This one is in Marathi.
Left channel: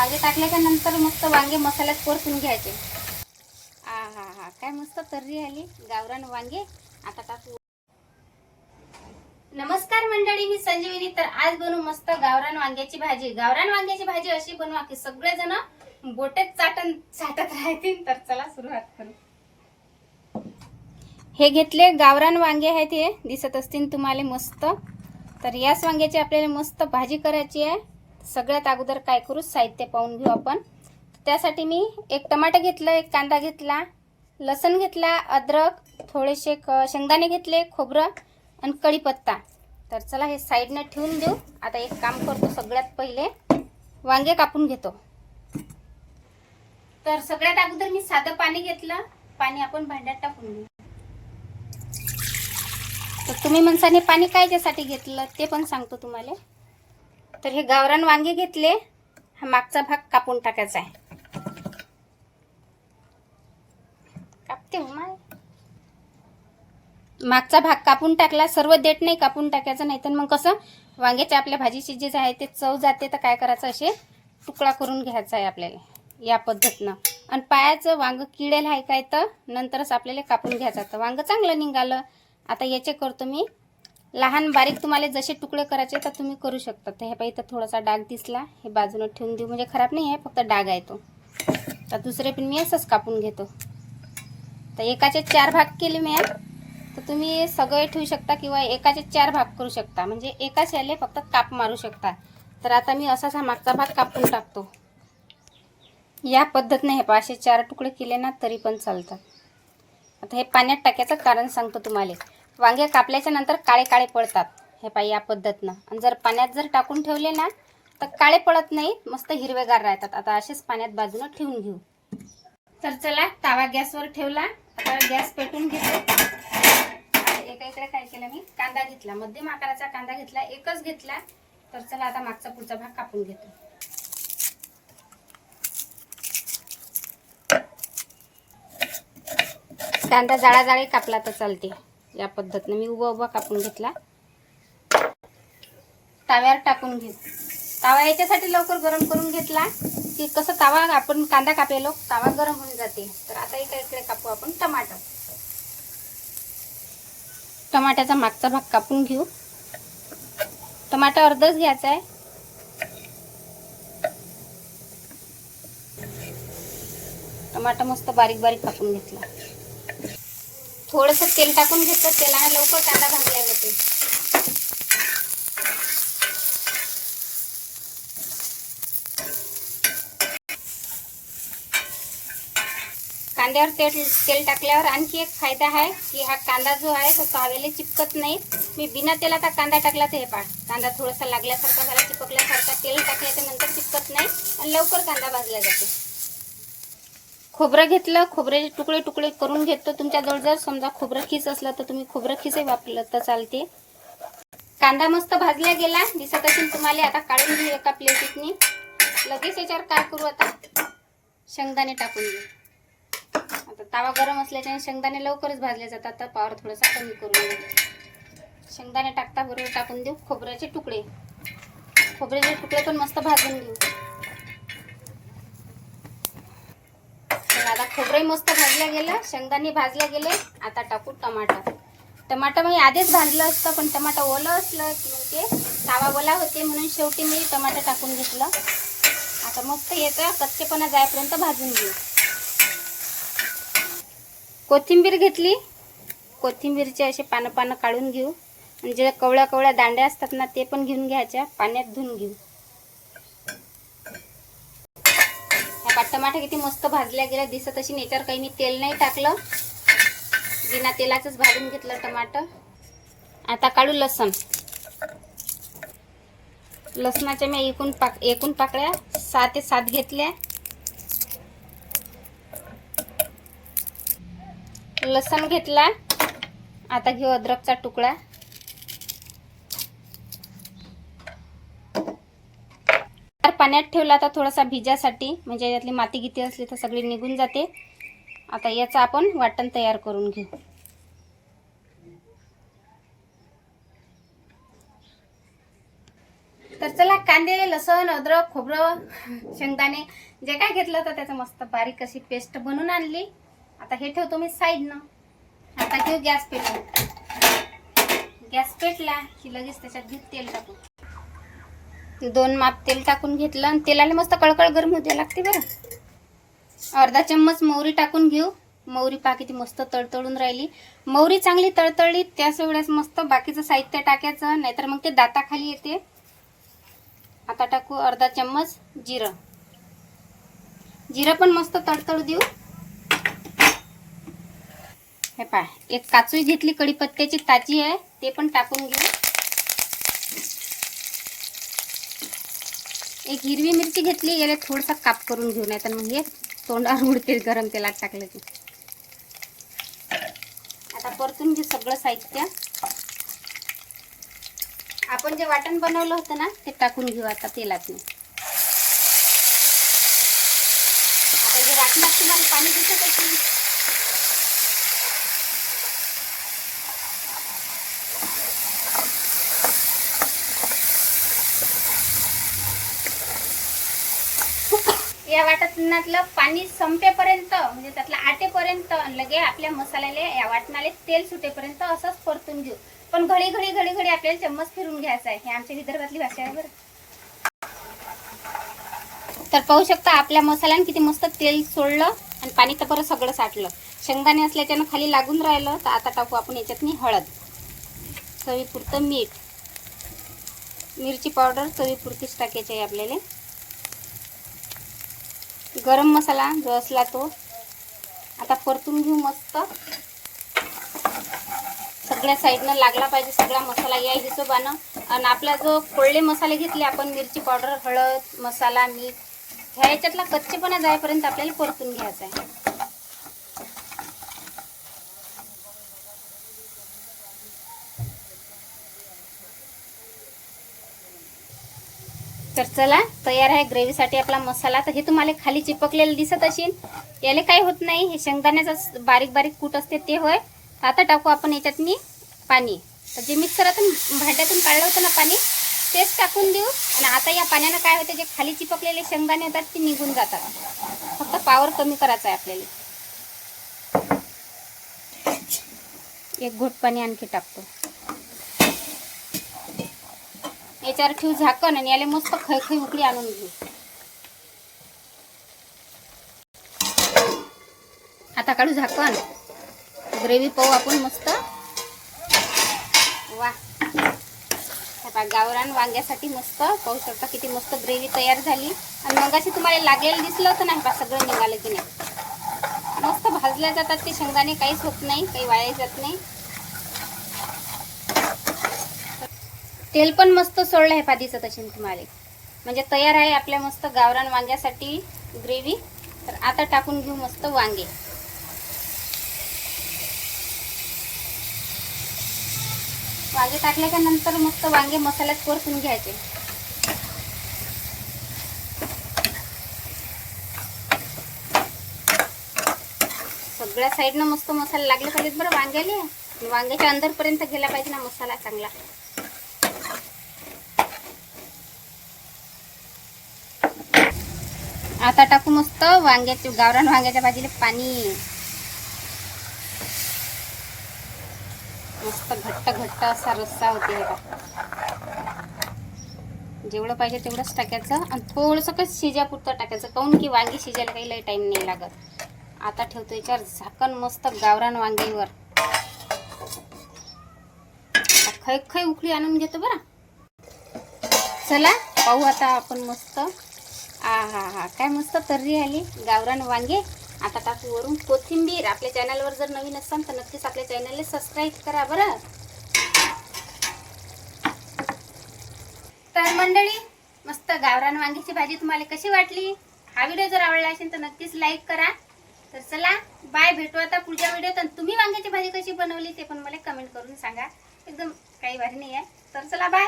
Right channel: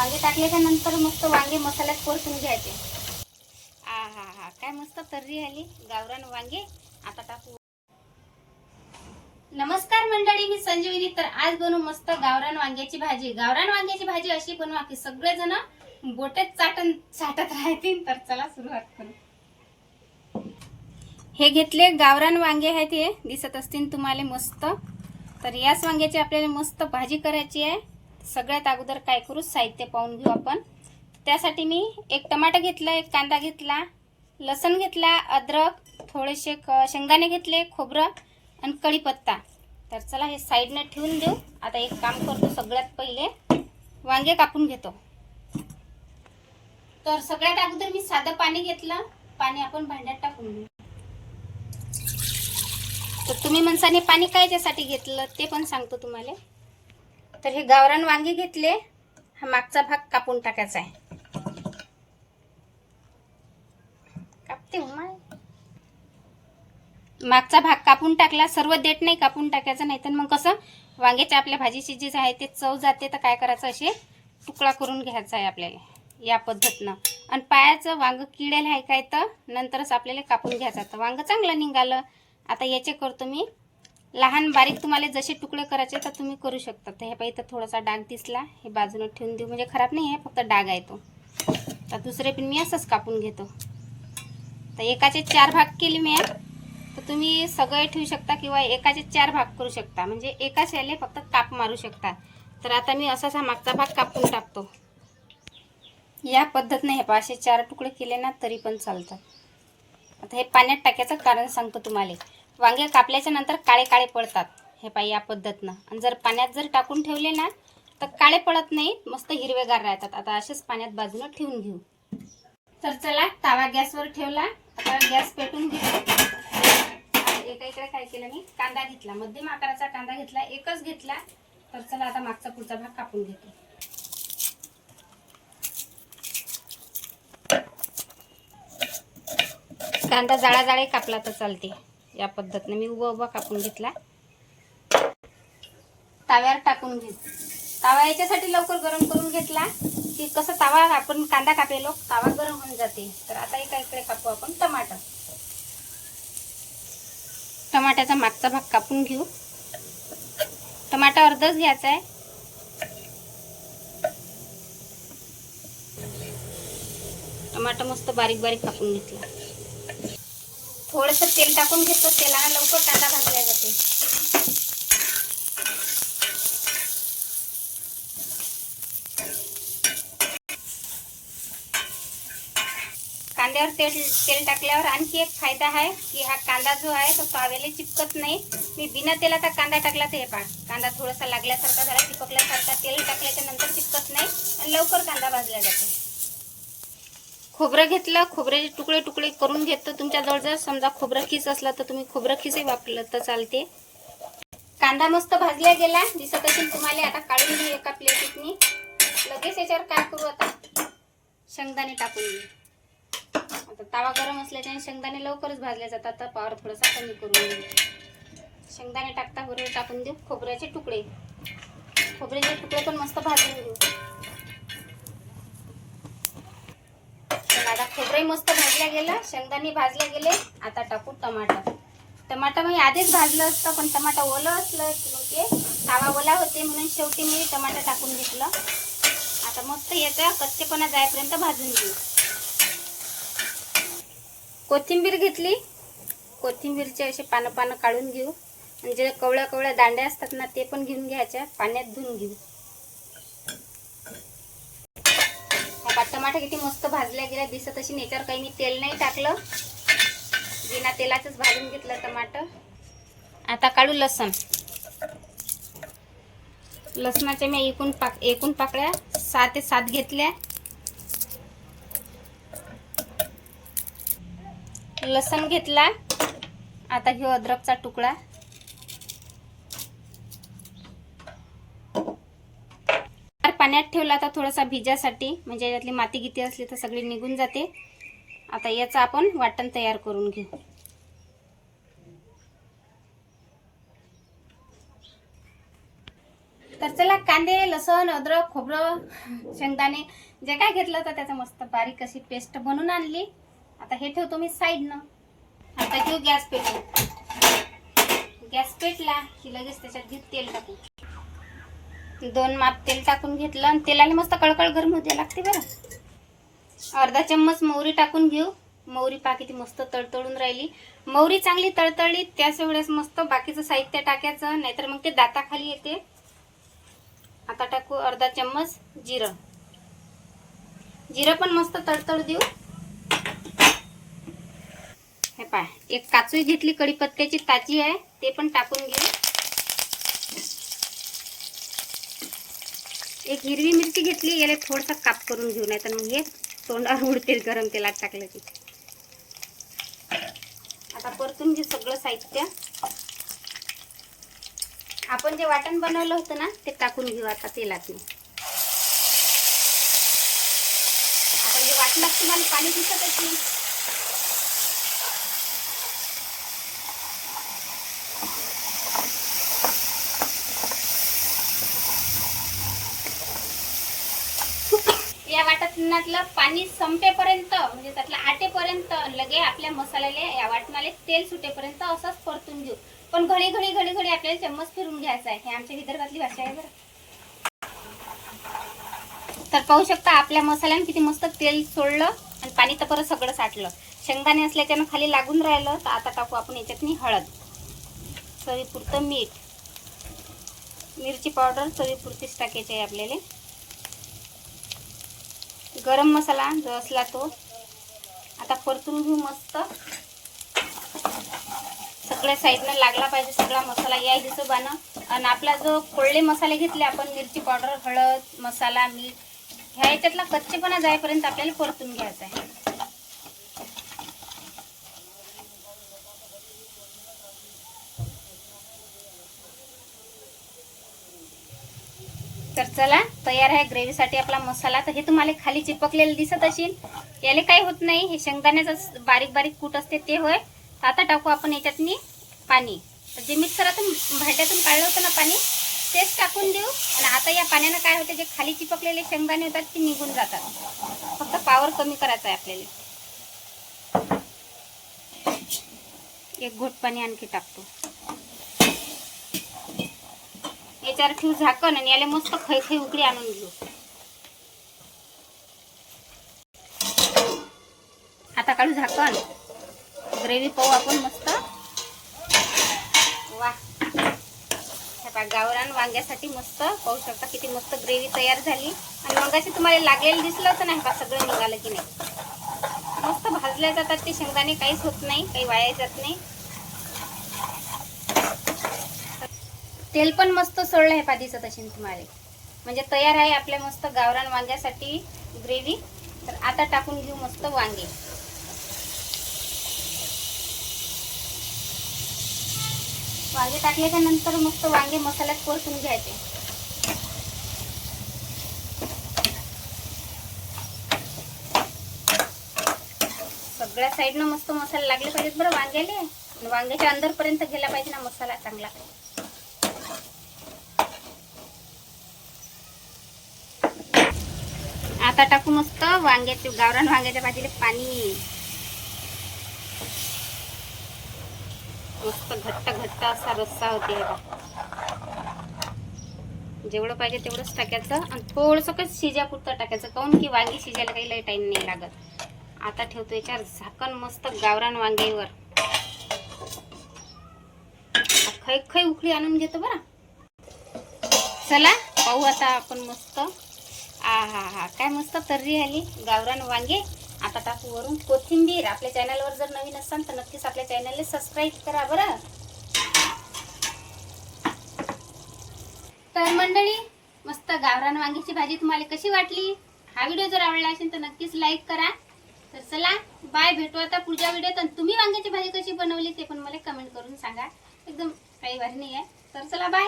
वांगे टाकल्याच्या नंतर मस्त वांगे मसाल्यात परतून घ्यायचे. हा काय मस्त तर्री आली गावरान वांगे. आता टाकू. नमस्कार मंडळी, मी संजीवनी. तर आज बनवू मस्त गावरान वांग्याची भाजी. गावरान वांग्याची भाजी अशी बनवा की सगळेजण बोटे चाटत राहतील. तर चला सुरुवात करू. हे घेतले गावरान वांगे आहेत, हे दिसत असतील तुम्हाला मस्त. तर याच वांग्याची आपल्याला मस्त भाजी करायची आहे. सगळ्यात अगोदर काय करू, साहित्य पाहून घेऊ आपण. त्यासाठी मी एक टमाटा घेतला, एक कांदा घेतला, लसूण घेतला, अद्रक, थोडेसे शेंगदाणे घेतले, खोबरं आणि कढीपत्ता. तर चला हे साईडने ठेवून देऊ. आता एक काम करतो, सगळ्यात पहिले वांगे कापून घेतो. तर सगळ्यात अगोदर मी साधं पाणी घेतलं. पाणी आपण भांड्यात टाकून घेऊ. तर तुम्ही म्हणसाने पाणी कायच्यासाठी घेतलं ते पण सांगतो तुम्हाला. तर हे गावरान वांगे घेतले. हा मागचा भाग कापून टाकायचा आहे. कापते मागचा भाग कापून टाकला. सर्व देठ नाही कापून टाकायचं, नाही तर मग कसं वांग्याच्या आपल्या भाजीची जी आहे ते चव जाते. तर काय करायचं, असे तुकडा करून घ्यायचा आहे आपल्याला या पद्धतीनं. आणि पायाचं वांग किडेल आहे काय तर नंतरच आपल्याला कापून घ्यायचं. तर वांग चांगलं निघालं. आता याचे करतो मी लहान बारीक. तुम्हाला जसे तुकडे करायचे तर तुम्ही करू शकता. तर हे पाहिजे तर थोडासा डाग दिसला, हे बाजूने ठेवून देऊ. म्हणजे खराब नाही आहे, फक्त डाग आहे तो. तर दुसरे पण मी असंच कापून घेतो. तर एकाचे 4 भाग केले मी. तर तुम्ही सगळे ठेवू शकता किंवा एकाचे 4 भाग करू शकता. म्हणजे एकाच याले फक्त काप मारू शकता. तर आता मी असाच हा मागचा भाग कापून टाकतो. या पद्धतीने हे असे 4 तुकडे केले ना तरी पण चालतात. आता हे पाण्यात टाकायचं कारण सांगतो तुम्हाला. वांगे कापल्याच्या नंतर काळे काळे पडतात. हे पाय या पद्धतीनं. आणि जर पाण्यात जर टाकून ठेवले ना तर काळे पडत नाही, मस्त हिरवेगार राहतात. आता असेच पाण्यात बाजूला ठेवून घेऊ. तर चला, तवा गॅसवर ठेवला. आता गॅस पेटून घेतो. एका इकडे काय केलं, मी कांदा घेतला, मध्यम आकाराचा कांदा घेतला, एकच घेतला. तर चला आता मागचा पुढचा भाग कापून घेतो. कांदा जाळा कापला तर चालते. या पद्धतीने मी उभा कापून घेतला. तव्यावर टाकून घेत. तवा याच्यासाठी लवकर गरम करून घेतला की कसं तवा आपण कांदा कापेलो तवा गरम होऊन जाते. तर आता इकडे कापू आपण टमाटर. टमाट्याचा मागचा भाग कापून घेऊ. टमाटा अर्धच घ्यायचा आहे. टमाटा मस्त बारीक बारीक कापून घेतला. थोडंसं तेल टाकून घेतलं. तेलाने लवकर कांदा भाजला जाते. कांद्यावर तेल टाकल्यावर आणखी एक फायदा आहे की हा कांदा जो आहे तो तव्याला चिपकत नाही. मी बिना तेलाचा कांदा टाकला तर हे पहा, कांदा थोडासा लागल्यासारखा झाला, चिपकल्यासारखा. तेल टाकल्याच्या नंतर चिपकत नाही आणि लवकर कांदा भाजला जातो. खोबरं घेतलं. खोबऱ्याचे तुकडे तुकडे करून घेतो. तुमच्याजवळ जर समजा खोबरं खीस असलं तर तुम्ही खोबरं खीसही वापरलं तर चालते. कांदा मस्त भाजला गेला, दिसत असेल तुम्हाला. आता काढून घेऊ एका प्लेटीतनी. लगेच याच्यावर काय करू, आता शेंगदाणे टाकून घेऊ. आता तवा गरम असल्याने शेंगदाणे लवकरच भाजले जातात. तर पावर थोडासा कमी करून घेऊ. शेंगदाणे टाकता बरोबर टाकून देऊ खोबऱ्याचे तुकडे. खोबऱ्याचे तुकडे पण मस्त भाजून घेऊ. आता खोबरे मस्त भाजलं गेलं, शेंगदाणे भाजले गेले. आता टाकू टमाटर. टमाटर मी आधीच भाजलं असतं, पण टमाटर ओलं असलं की तवा ओला होते म्हणून शेवटी मी टमाटर टाकून घेतलं. आता मस्त याचा कच्चेपणा जाईपर्यंत भाजून घेऊ. कोथिंबीर घेतली. कोथिंबीरचे असे पानं काढून घेऊ. आणि जे कवळ्या दांड्या असतात ना ते पण घेऊन घ्यायच्या, पाण्यात धुवून घेऊ. टमाटर किती मस्त भाजल्या गेल्या दिसत अशी. याच्यावर काही मी तेल नाही टाकलं, बिना तेलाचंच भाजून घेतलं टमाटर. आता काढू लसण. लसणाच्या मी एकूण पाकळ्या 6 ते 7 घेतल्या. लसण घेतला. आता घेऊ अद्रकचा तुकडा. पाण्यात ठेवला आता थोडासा भिजासाठी, म्हणजे यातली माती गिती असली तर सगळी निघून जाते. आता याचं आपण वाटण तयार करून घेऊ. तर चला कांदे, लसण, अद्रक, खोबरं, शेंगदाणे जे काय घेतलं होतं त्याचं मस्त बारीक अशी पेस्ट बनवून आणली. आता हे ठेवतो मी साईडनं. आता घेऊ गॅस पेटून. गॅस पेटला की लगेच त्याच्यात घेऊ तेल टाकून. 2 माप तेल टाकून घेतलं आणि तेलाला मस्त कळकळ गरम होते लागते बरं. अर्धा चम्मच मोहरी टाकून घेऊ. मोहरी पहा किती मस्त तळतळून राहिली. मोहरी चांगली तळतळली त्याच वेळेस मस्त बाकीचं साहित्य टाकायचं, नाहीतर मग ते दाताखाली येते. आता टाकू अर्धा चम्मच जिरं. जिरं पण मस्त तडतड देऊ. हे पाय एक काचूई घेतली कढीपत्त्याची ताजी आहे, ते पण टाकून घेऊ. एक हिरवी मिरची घेतली, याला थोडासा काप करून घेऊ, नाही तर मग हे तोंडावर उडते गरम तेलात टाकलं की. आता परतून घेऊ सगळं साहित्य. आपण जे वाटण बनवलं होतं ना ते टाकून घेऊ आता तेलात. आता जे वाटणात तुम्हाला पाणी दिसत असेल, या वाटणातलं पाणी संपेपर्यंत म्हणजे त्यातलं आटेपर्यंत लगे आपल्या मसाल्याला या वाटणाला तेल सुटेपर्यंत असंच परतून घेऊ. पण घडी घडी घडी घडी आपल्याला चम्मच फिरून घ्यायचा आहे. हे आमच्या विदर्भातली भाषा आहे बरं. तर पाहू शकता आपल्या मसाल्याने किती मस्त तेल सोडलं आणि पाणी तर परत सगळं साठलं. शेंगदाणे असल्याच्यानं खाली लागून राहिलं. तर आता टाकू आपण याच्यातनी हळद, चवीपुरतं मीठ, मिरची पावडर चवीपुरतीच टाकायची आहे आपल्याला. गरम मसाला जो असला तो आता परतून घेऊ मस्त. सगळ्या साईडनं लागला पाहिजे सगळा मसाला या हिशोबानं. आणि आपला जो फोडले मसाले घेतले आपण, मिरची पावडर, हळद, मसाला, मीठ, ह्या याच्यातला कच्चेपणा जाईपर्यंत आपल्याला परतून घ्यायचा आहे. तर चला तयार आहे ग्रेव्हीसाठी आपला मसाला. तर हे तुम्हाला खाली चिपकलेलं दिसत असेल, याला काही होत नाही, हे शेंगदाण्याचं बारीक बारीक कूट असते ते होय. आता टाकू आपण याच्यातनी पाणी. तर जे मिक्सरातून भांड्यातून काढलं होतं ना पाणी, तेच टाकून देऊ. आणि आता या पाण्यानं काय होतं, जे खाली चिपकलेले शेंगदाणे होतात ते निघून जातात. फक्त पावर कमी करायचा आहे आपल्याला. एक घोट पाणी आणखी टाकतो. याच्यावर ठेवू झाकण आणि याला मस्त खळखळी उकळी आणून घेऊ. आता काढू झाकण. ग्रेव्ही पाहू आपण मस्त. वा, गावरान वांग्यासाठी मस्त पाहू शकता किती मस्त ग्रेव्ही तयार झाली. आणि मगाशी तुम्हाला लागलेलं दिसलं होतं नाही का, सगळं निघालं की नाही. मस्त भाजल्या जातात ते शेंगदाणे, काहीच होत नाही, काही वाया जात नाही. तेल पण मस्त सोडलं आहे, दिसत असेल तुम्हाला. म्हणजे तयार आहे आपल्या मस्त गावरान वांग्यासाठी ग्रेव्ही. तर आता टाकून घेऊ मस्त वांगे. वांगे टाकल्याच्या नंतर मस्त वांगे मसाल्यात परतून घ्यायचे. सगळ्या साईडनं मस्त मसाला लागले पाहिजेत बरं वांग्याला. वांग्याच्या अंदरपर्यंत गेला पाहिजे ना मसाला चांगला. आता टाकू मस्त वांग्याचे, गावरान वांग्याच्या भाजीला पाणी. मस्त घट्ट घट्ट असा रस्सा होते. जेवढं पाहिजे तेवढंच टाकायचं आणि थोडंसं काही शिजापुरतं टाकायचं, काऊन की वांगी शिजायला काही लई टाइम नाही लागत. आता ठेवतो याच्यावर झाकण मस्त गावरान वांग्यावर. खै उकळी आणून घेतो बरं. चला पाहू आता आपण मस्त. हा काय मस्त तर्री आली गावरान वांगे. आता टाकू वरून कोथिंबीर. आपल्या चॅनलवर जर नवीन असाल तर नक्कीच आपल्या चॅनलला सबस्क्राईब करा बरं. तर मंडळी, मस्त गावरान वांग्याची भाजी तुम्हाला कशी वाटली? हा व्हिडिओ जर आवडला असेल तर नक्कीच लाईक करा. तर चला बाय, भेटू आता पुढच्या व्हिडिओत. आणि तुम्ही वांग्याची भाजी कशी बनवली ते पण मला कमेंट करून सांगा. एकदम काही भारी नाही आहे. तर चला बाय.